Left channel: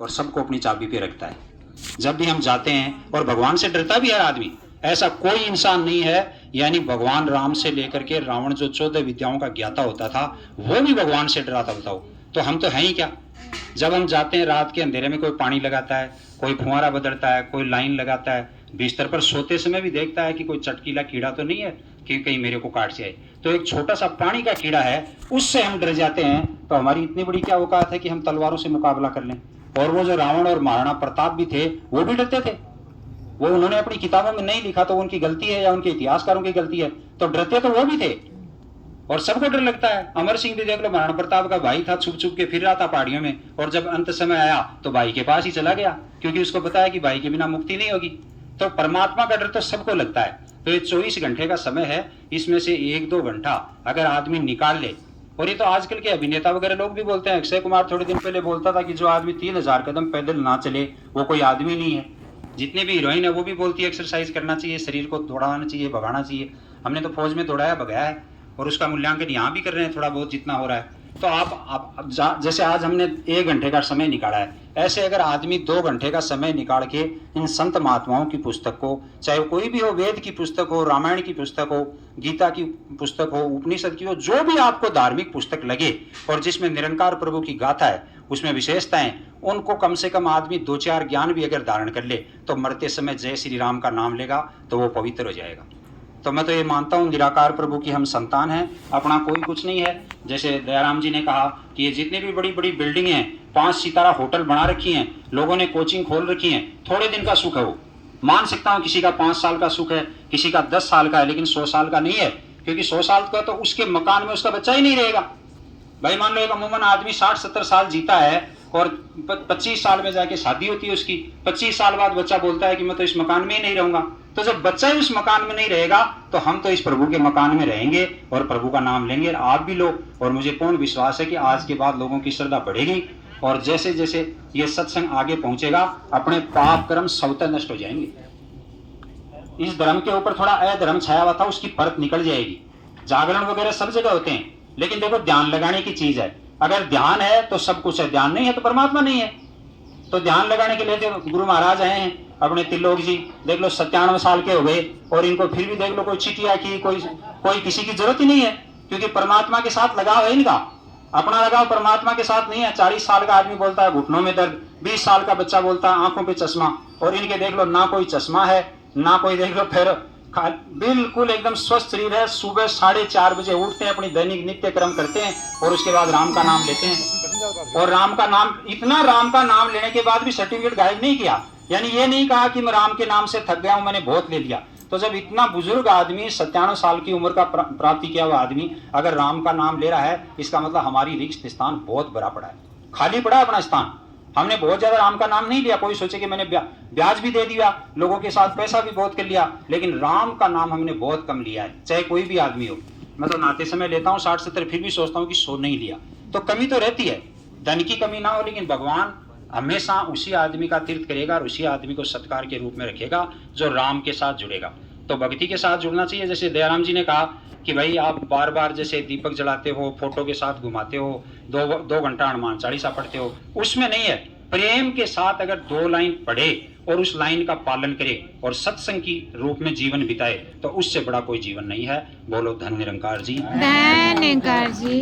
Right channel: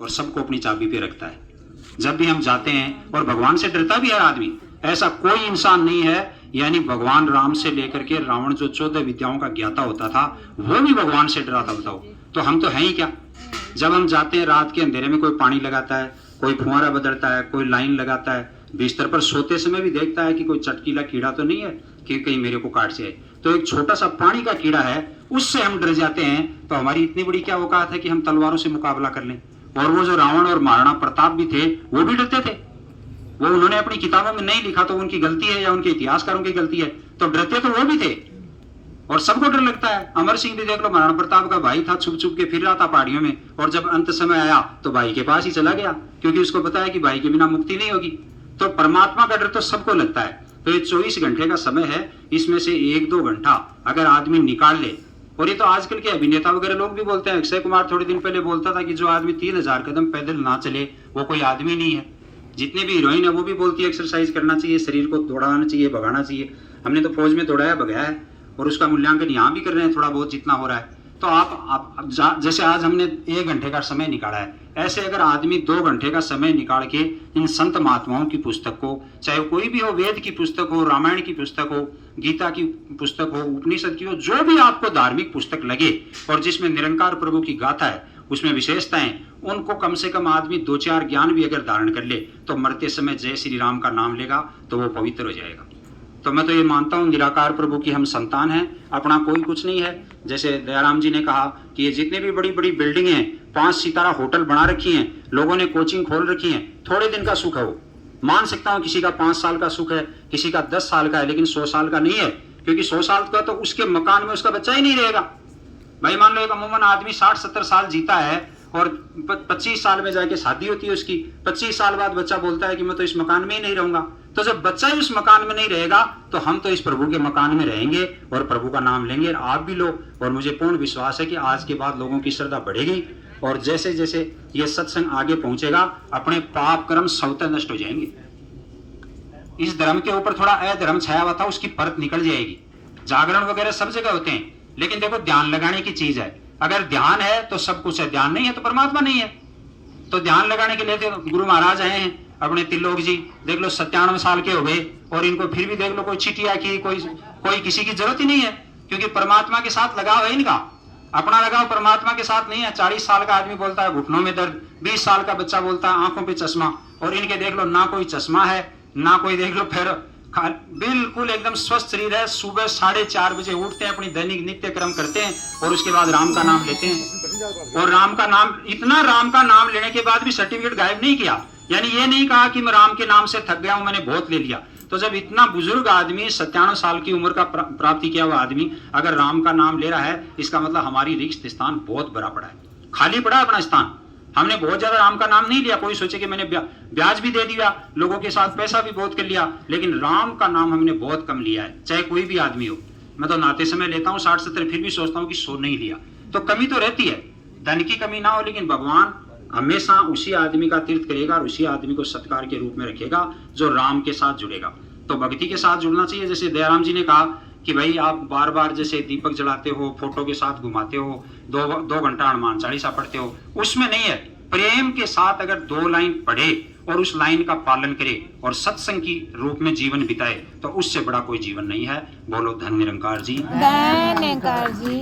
और सबको अपनी चाबी पे रखता है। जब भी हम जाते हैं, और भगवान से डरता भी है आदमी, ऐसा कोई इंसान नहीं है, यानी भगवान राम से लेकर के रावण जो 14 विद्याओं का ज्ञाता होता था, वो भी भगवान से डरा था। बताओ, तो हम तो हैं ही क्या। जब हम जाते हैं रात के अंधेरे में, कोई पानी लगाता है, कोई फुहारा बदलता है, कोई लाइन लगाता है, बिस्तर पर सोते समय भी देखता है कि कोई चटकीला कीड़ा तो नहीं है कि कहीं मेरे को काट जाए। तो एक छोटा सा पानी का कीड़ा है, उससे हम डर जाते हैं, तो हमारी इतनी बड़ी क्या औकात है कि हम तलवारों से मुकाबला कर लें। और वो जो रावण और महाराणा प्रताप भी थे, वो भी डरते थे। वो उन्होंने अपनी किताबों में नहीं लिखा तो उनकी गलती है या उनके इतिहासकारों की गलती है, तो डरते तो वो भी थे। और सबको डर लगता है। अमर सिंह भी देख लो, महाराणा प्रताप का भाई था, छुप छुप के फिर रहा था पहाड़ियों में, और जब अंत समय आया तो भाई के पास ही चला गया, क्योंकि उसको पता है कि भाई के बिना मुक्ति नहीं होगी। तो परमात्मा का डर तो सबको लगता है। तो ये 24 घंटे का समय है, इसमें से 1-2 घंटा अगर आदमी निकाल ले, और ये तो आजकल के अभिनेता वगैरह लोग भी बोलते हैं। अक्षय कुमार थोड़े दिन पहले बोलता था कि जो आदमी 3000 कदम पैदल ना चले वो कोई आदमी नहीं है। जितने भी हीरोइन है वो भी बोलती है एक्सरसाइज करना चाहिए, शरीर को दौड़ाना चाहिए, भगाना चाहिए। हमने तो फौज में दौड़ाया भगाया है, और उसका मूल्यांकन यहाँ भी कर रहे हैं थोड़ा बहुत जितना हो रहा है। तो आप जैसे आज हमने 1 घंटे का समय निकाला है, ऐसे अगर आदमी 2 घंटे का समय निकाल के इन संत महात्माओं की पुस्तक को, चाहे कोई भी हो, वेद की पुस्तक हो, रामायण की पुस्तक हो, गीता की पुस्तक हो, उपनिषद की हो, जो भी आपको धार्मिक पुस्तक लगे और जिसमें निरंकार प्रभु की गाथा है, उसमें विशेषताएं, उनको कम से कम आदमी 2-4 ज्ञान भी अगर धारण कर ले, तो मरते समय जय श्री राम का नाम लेगा तो वो पवित्र हो जाएगा। तो मैं तो ये मानता हूँ निराकार प्रभु की हम संतान हैं, अपना कोई कुछ नहीं है। जैसे दयाराम जी ने कहा कि ये जितने भी बड़ी बड़ी बिल्डिंग हैं, 5 सितारा होटल बना रखी हैं, लोगों ने कोचिंग खोल रखी है, थोड़े दिन का सुख है वो। मान सकता हूँ किसी का 5 साल का सुख है, किसी का 10 साल का है, लेकिन 100 साल का नहीं है, क्योंकि 100 साल का तो उसके मकान में उसका बच्चा ही नहीं रहेगा। भाई मान लो एक अमूमन आदमी 60-70 साल जीता है और 25 साल में जाके शादी होती है उसकी, 25 साल बाद बच्चा बोलता है कि मैं तो इस मकान में ही नहीं रहूंगा। तो जब बच्चा ही उस मकान में नहीं रहेगा, तो हम तो इस प्रभु के मकान में रहेंगे और प्रभु का नाम लेंगे। और आप भी लो, और मुझे पूर्ण विश्वास है कि आज के बाद लोगों की श्रद्धा बढ़ेगी, और जैसे जैसे ये सत्संग आगे पहुंचेगा, अपने पाप कर्म स्वतः नष्ट हो जाएंगे। इस धर्म के ऊपर थोड़ा अधर्म छाया हुआ था, उसकी परत निकल जाएगी। जागरण वगैरह सब जगह होते हैं, लेकिन देखो ध्यान लगाने की चीज है। अगर ध्यान है तो सब कुछ है, ध्यान नहीं है तो परमात्मा नहीं है। तो ध्यान लगाने के लिए गुरु महाराज आए हैं अपने त्रिलोक जी, देख लो 97 साल के हो गए, और इनको फिर भी देख लो कोई चिटिया की, कोई किसी की जरूरत ही नहीं है, क्योंकि परमात्मा के साथ लगाव है इनका। अपना लगाव परमात्मा के साथ नहीं है। 40 साल का आदमी बोलता है घुटनों में दर्द, 20 साल का बच्चा बोलता है आंखों पे चश्मा, और इनके देख लो ना कोई चश्मा है, ना कोई देख लो फिर बिल्कुल एकदम स्वस्थ शरीर है। सुबह 4:30 बजे उठते हैं, अपनी दैनिक नित्य कर्म करते हैं, और उसके बाद राम का नाम लेते हैं। और राम का नाम, इतना राम का नाम लेने के बाद भी सर्टिफिकेट गायब नहीं किया, यानी ये नहीं कहा कि मैं राम के नाम से थक गया हूं, मैंने बहुत ले लिया। तो जब इतना बुजुर्ग आदमी 97 साल की उम्र का प्राप्ति किया हुआ आदमी अगर राम का नाम ले रहा है, इसका मतलब हमारी रिक्त स्थान बहुत बड़ा पड़ा है, खाली पड़ा है अपना स्थान। हमने बहुत ज्यादा राम का नाम नहीं लिया, कोई सोचे कि मैंने ब्याज भी दे दिया, लोगों के साथ पैसा भी बहुत कर लिया, लेकिन राम का नाम हमने बहुत कम लिया है, चाहे कोई भी आदमी हो। मैं तो नाते समय लेता हूँ 60-70, फिर भी सोचता हूँ कि 100 नहीं लिया, तो कमी तो रहती है, धन की कमी ना हो, लेकिन भगवान हमेशा उसी आदमी का तीर्थ करेगा और उसी आदमी को सत्कार के रूप में रखेगा जो राम के साथ जुड़ेगा। तो भक्ति के साथ जुड़ना चाहिए। जैसे दयाराम जी ने कहा कि भाई आप बार बार जैसे दीपक जलाते हो, फोटो के साथ घुमाते हो, 2 घंटा हनुमान चालीसा पढ़ते हो, उसमें नहीं है। प्रेम के साथ अगर 2 लाइन पढ़े और उस लाइन का पालन करे और सत्संग की रूप में जीवन बिताए, तो उससे बड़ा कोई जीवन नहीं है। बोलो धन निरंकार जी। धन निरंकार जी।